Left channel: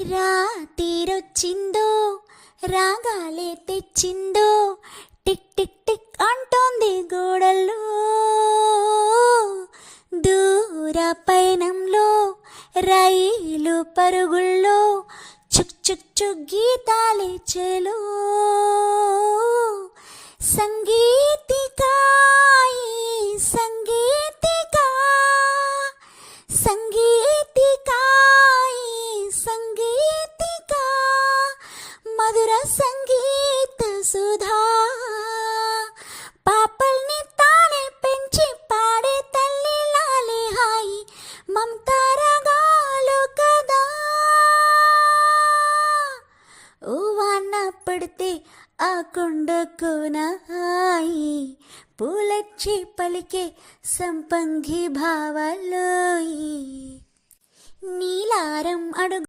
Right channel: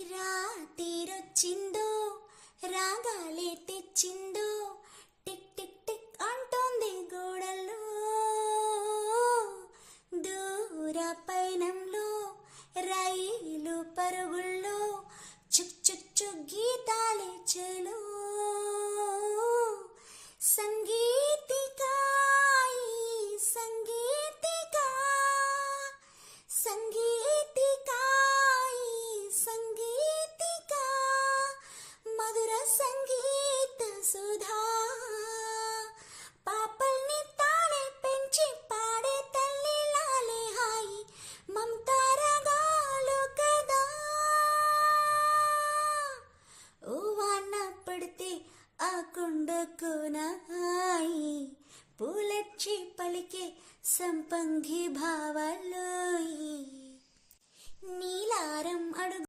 రాతిరొచ్చిందో రాగాలే తెచ్చిందో tick tick tick అంటోంది గోడల్లో. దూర పయనంలో రైలు పరుగుల్లో చుక్ చుక్ చుక్ గీతాలే చెలో. సంగీతికా సంగీతికా సంగీతికా సంగీతికా మధుర సంగీత సుధా. పాపల్ని తానే పెంచి పాడే తల్లి లాలి హాయి మమతారగాలు కదా. ఓ వాన పడితే ఆ కొండకోన హాయి పూలచ్చి పలికే సంపంగి భావాలోయి. నీలారం అడుగు